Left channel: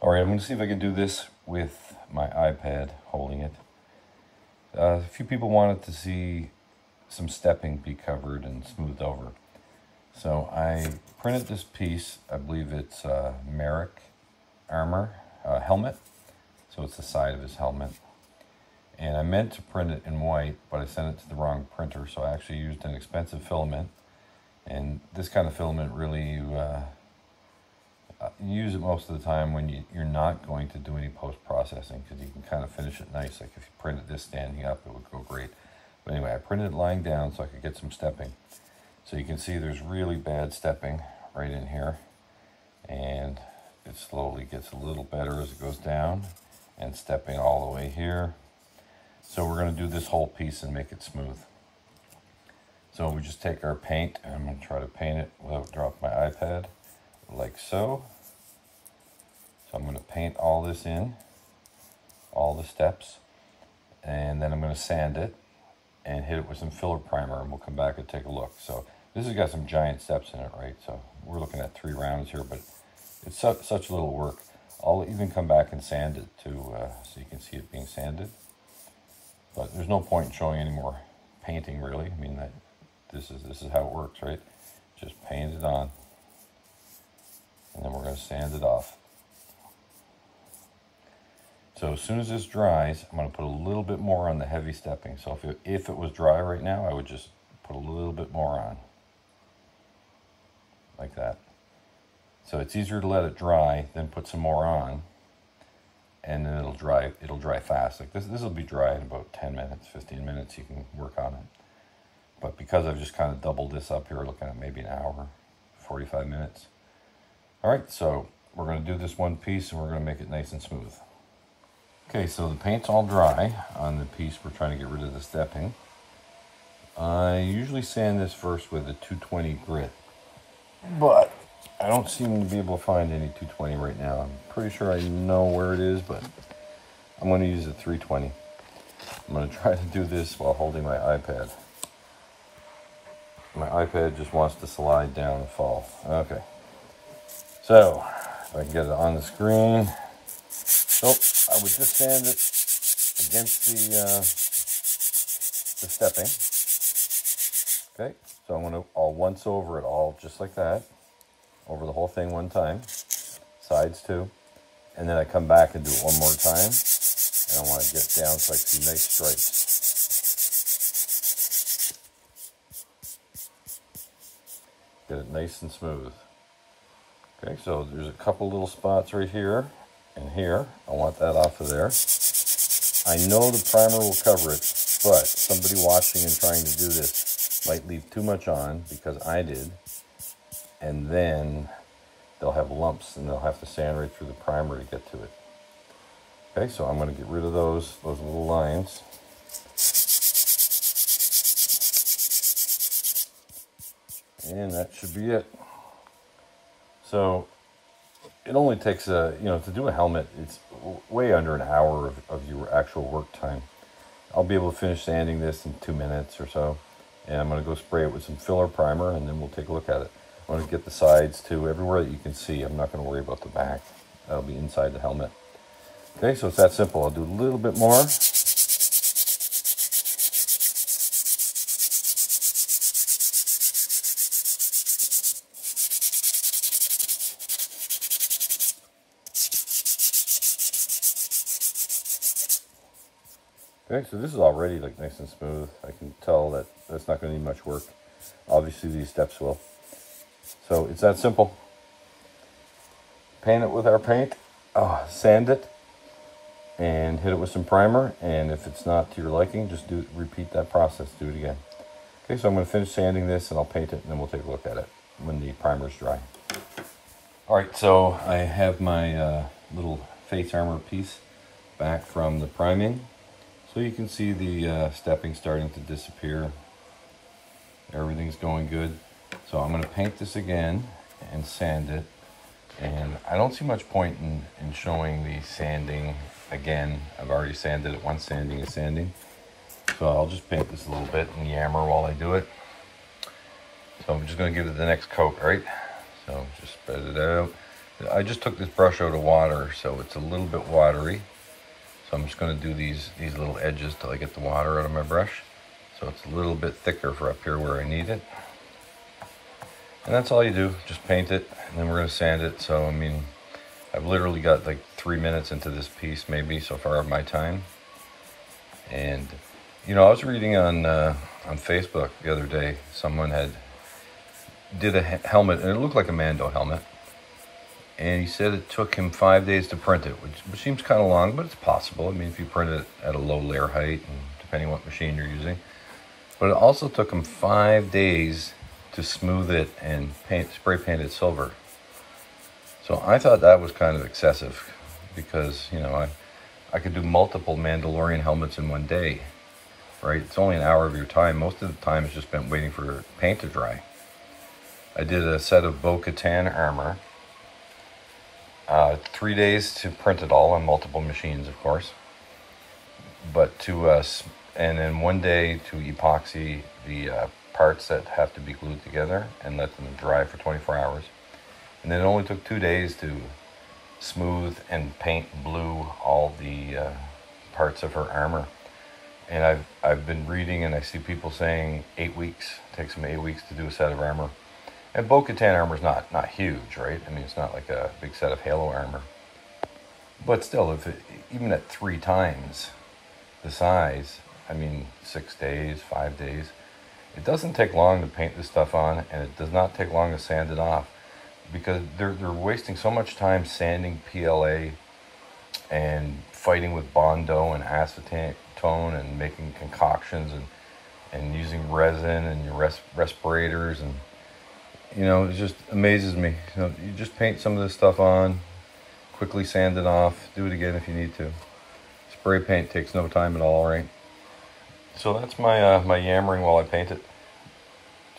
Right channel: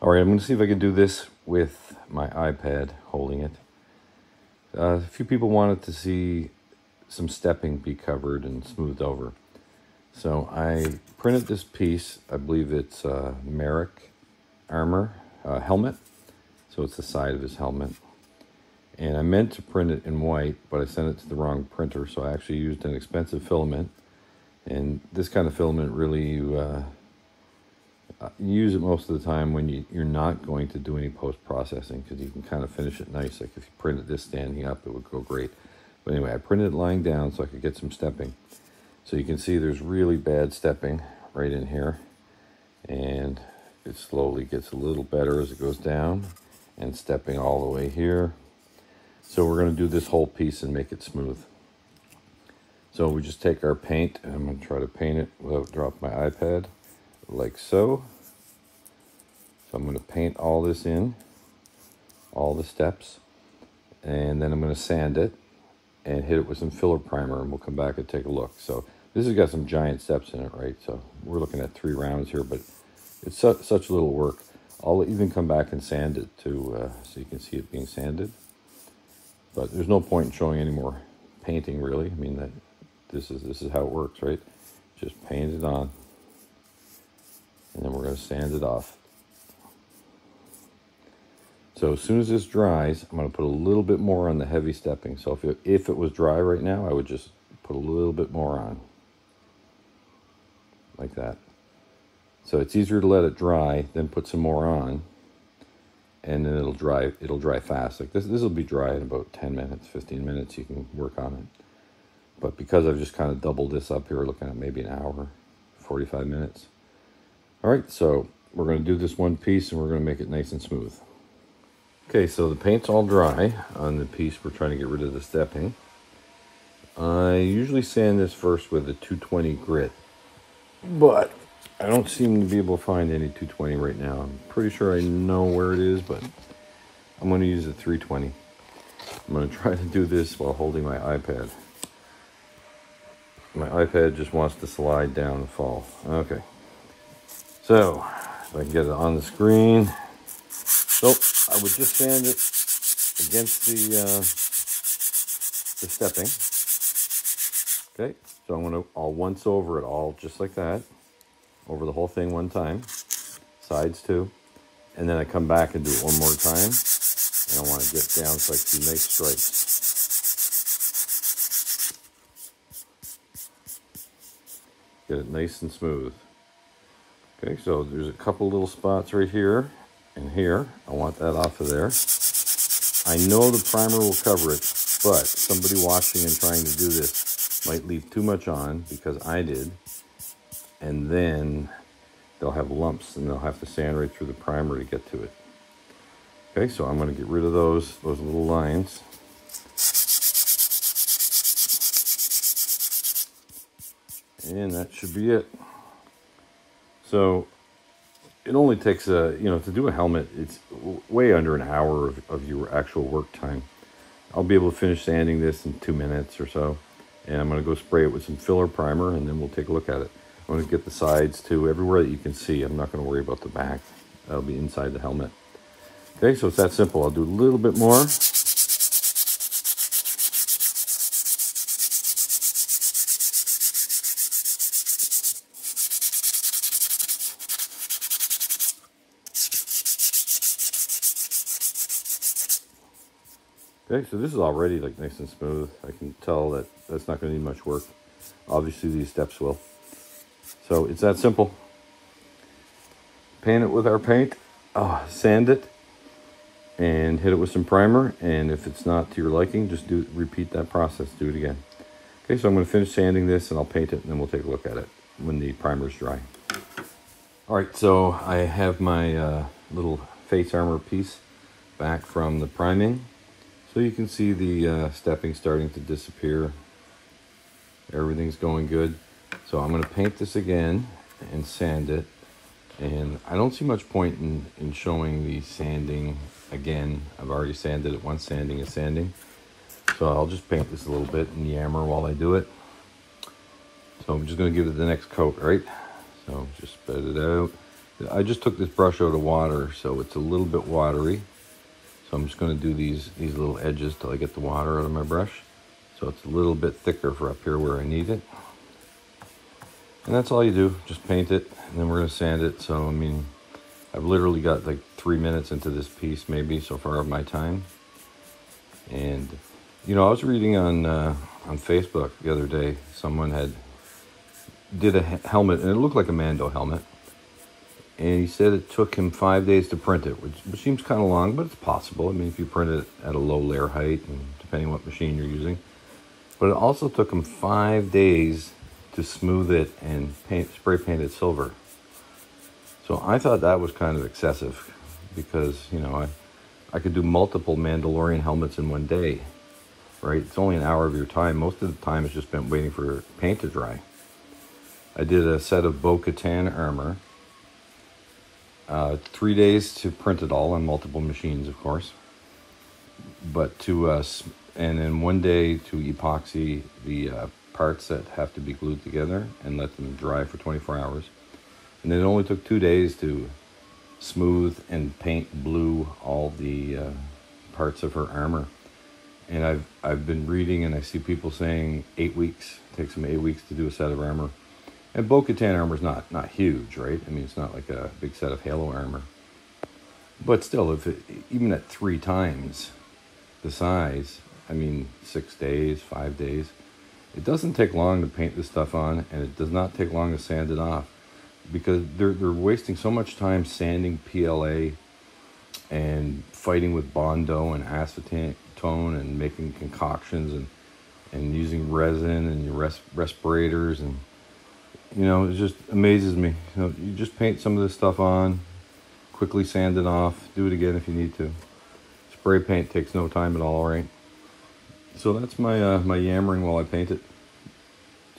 All right, I'm going to see if I can do this with my iPad holding it. A few people wanted to see some stepping be covered and smoothed over. So I printed this piece. I believe it's Merrick armor helmet. So it's the side of his helmet. And I meant to print it in white, but I sent it to the wrong printer. So I actually used an expensive filament. And this kind of filament really, you use it most of the time when you're not going to do any post-processing, because you can kind of finish it nice. Like if you printed this standing up, it would go great. But anyway, I printed it lying down so I could get some stepping. So you can see there's really bad stepping right in here. And it slowly gets a little better as it goes down, and stepping all the way here. So we're going to do this whole piece and make it smooth. So we just take our paint, and I'm going to try to paint it without dropping my iPad, like so. So I'm going to paint all this in, all the steps, and then I'm going to sand it and hit it with some filler primer, and we'll come back and take a look. So this has got some giant steps in it, right? So we're looking at 3 rounds here, but it's such little work. I'll even come back and sand it too, so you can see it being sanded. But there's no point in showing any more painting, really. I mean, this is how it works, right? Just paint it on, and then we're going to sand it off. So as soon as this dries, I'm going to put a little bit more on the heavy stepping. So if it was dry right now, I would just put a little bit more on, like that. So it's easier to let it dry, then put some more on, and then it'll dry fast. Like this will be dry in about 10 minutes, 15 minutes. You can work on it. But because I've just kind of doubled this up here, looking at maybe an hour, 45 minutes. All right, so we're going to do this one piece, and we're going to make it nice and smooth. Okay, so the paint's all dry on the piece we're trying to get rid of the stepping. I usually sand this first with a 220 grit, but I don't seem to be able to find any 220 right now. I'm pretty sure I know where it is, but I'm going to use a 320. I'm going to try to do this while holding my iPad. My iPad just wants to slide down and fall. Okay. So, if I can get it on the screen. So, I would just sand it against the stepping. Okay, so I'll once over it all, just like that. Over the whole thing one time. Sides too. And then I come back and do it one more time. And I want to get down so I see nice stripes. Get it nice and smooth. Okay, so there's a couple little spots right here and here. I want that off of there. I know the primer will cover it, but somebody watching and trying to do this might leave too much on, because I did. And then they'll have lumps, and they'll have to sand right through the primer to get to it. Okay, so I'm going to get rid of those little lines. And that should be it. So it only takes to do a helmet, it's way under an hour of your actual work time. I'll be able to finish sanding this in 2 minutes or so. And I'm going to go spray it with some filler primer, and then we'll take a look at it. I'm going to get the sides too, everywhere that you can see. I'm not going to worry about the back. That'll be inside the helmet. Okay, so it's that simple. I'll do a little bit more. Okay, so this is already like nice and smooth. I can tell that that's not going to need much work. Obviously these steps will. So it's that simple. Paint it with our paint, sand it, and hit it with some primer. And if it's not to your liking, just repeat that process, do it again. Okay, so I'm going to finish sanding this, and I'll paint it, and then we'll take a look at it when the primer's dry. All right, so I have my little face armor piece back from the priming. So you can see the stepping starting to disappear. Everything's going good. So I'm going to paint this again and sand it. And I don't see much point in showing the sanding again. I've already sanded it once. Sanding is sanding. So I'll just paint this a little bit and yammer while I do it. So I'm just going to give it the next coat, right? So just spread it out. I just took this brush out of water, so it's a little bit watery. So I'm just going to do these little edges till I get the water out of my brush. So it's a little bit thicker for up here where I need it. And that's all you do, just paint it, and then we're going to sand it. So, I mean, I've literally got like 3 minutes into this piece, maybe, so far of my time. And, you know, I was reading on Facebook the other day, someone did a helmet, and it looked like a Mando helmet. And he said it took him 5 days to print it, which seems kind of long, but it's possible. I mean, if you print it at a low layer height, and depending on what machine you're using. But it also took him 5 days to smooth it and spray paint it silver. So I thought that was kind of excessive, because, you know, I could do multiple Mandalorian helmets in one day, right? It's only an hour of your time. Most of the time is just spent waiting for paint to dry. I did a set of Bo-Katan armor. 3 days to print it all on multiple machines, of course. But and then 1 day to epoxy the parts that have to be glued together and let them dry for 24 hours. And then it only took 2 days to smooth and paint blue all the parts of her armor. And I've been reading, and I see people saying 8 weeks. It takes them 8 weeks to do a set of armor. And Bo-Katan armor is not huge, right? I mean, it's not like a big set of Halo armor. But still, even at 3 times the size, I mean, 6 days, 5 days, it doesn't take long to paint this stuff on, and it does not take long to sand it off, because they're wasting so much time sanding PLA and fighting with bondo and acetone and making concoctions and using resin and your respirators, and you know, it just amazes me. You know, you just paint some of this stuff on, quickly sand it off, do it again if you need to. Spray paint takes no time at all, right? So that's my my yammering while I paint it.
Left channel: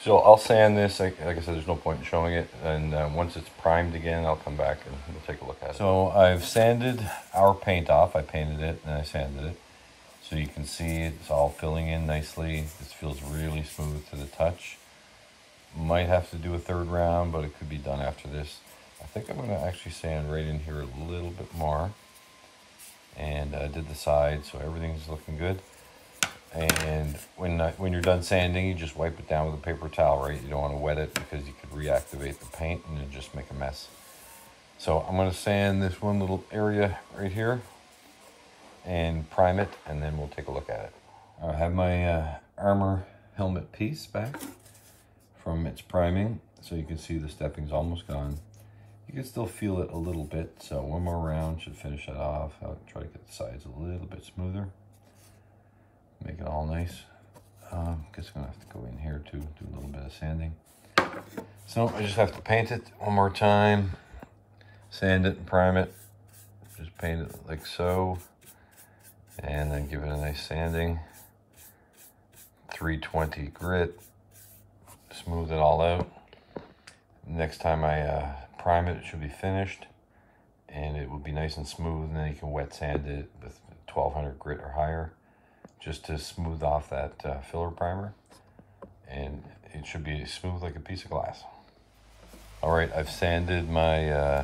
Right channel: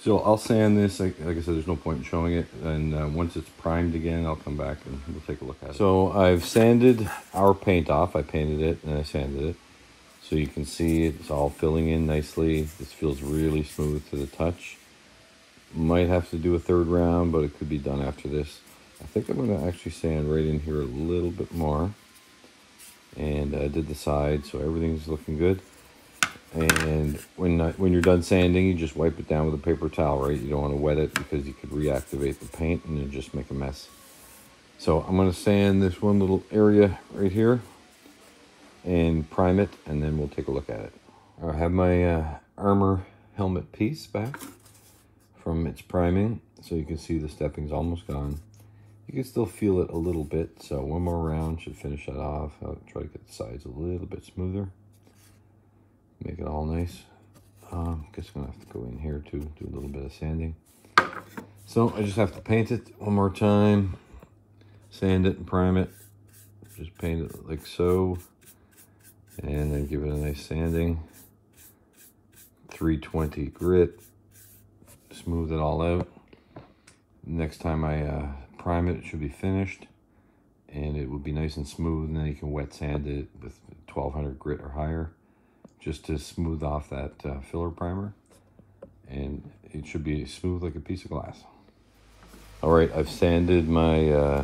So I'll sand this. Like I said, there's no point in showing it. And once it's primed again, I'll come back and we'll take a look at it. So I've sanded our paint off. I painted it and I sanded it. So you can see it's all filling in nicely. This feels really smooth to the touch. Might have to do a 3rd round, but it could be done after this. I think I'm going to actually sand right in here a little bit more. And I did the side, so everything's looking good. And when you're done sanding, you just wipe it down with a paper towel, right? You don't want to wet it, because you could reactivate the paint and then just make a mess. So I'm going to sand this one little area right here and prime it, and then we'll take a look at it. I have my armor helmet piece back from its priming, so you can see the stepping's almost gone. You can still feel it a little bit, so one more round should finish that off. I'll try to get the sides a little bit smoother. Make it all nice. Guess I'm gonna have to go in here too, do a little bit of sanding. So I just have to paint it one more time, sand it and prime it. Just paint it like so, and then give it a nice sanding. 320 grit, smooth it all out. Next time I prime it, it should be finished, and it will be nice and smooth, and then you can wet sand it with 1200 grit or higher, just to smooth off that filler primer, and it should be smooth like a piece of glass. All right, I've sanded my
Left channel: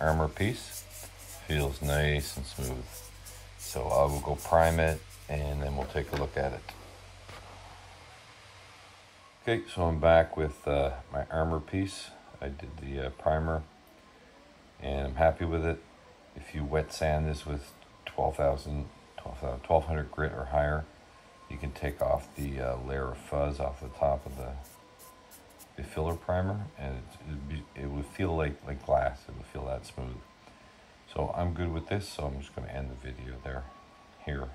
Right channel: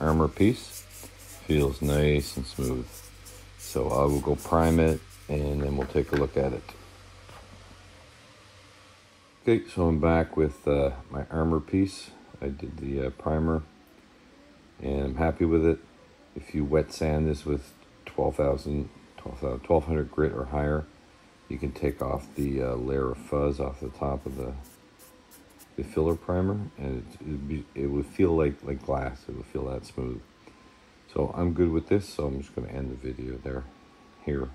armor piece. Feels nice and smooth. So I will go prime it, and then we'll take a look at it. Okay, so I'm back with my armor piece. I did the primer, and I'm happy with it. If you wet sand this with 1200 grit or higher, you can take off the layer of fuzz off the top of the filler primer, and it would feel like glass. It would feel that smooth. So I'm good with this, so I'm just going to end the video here.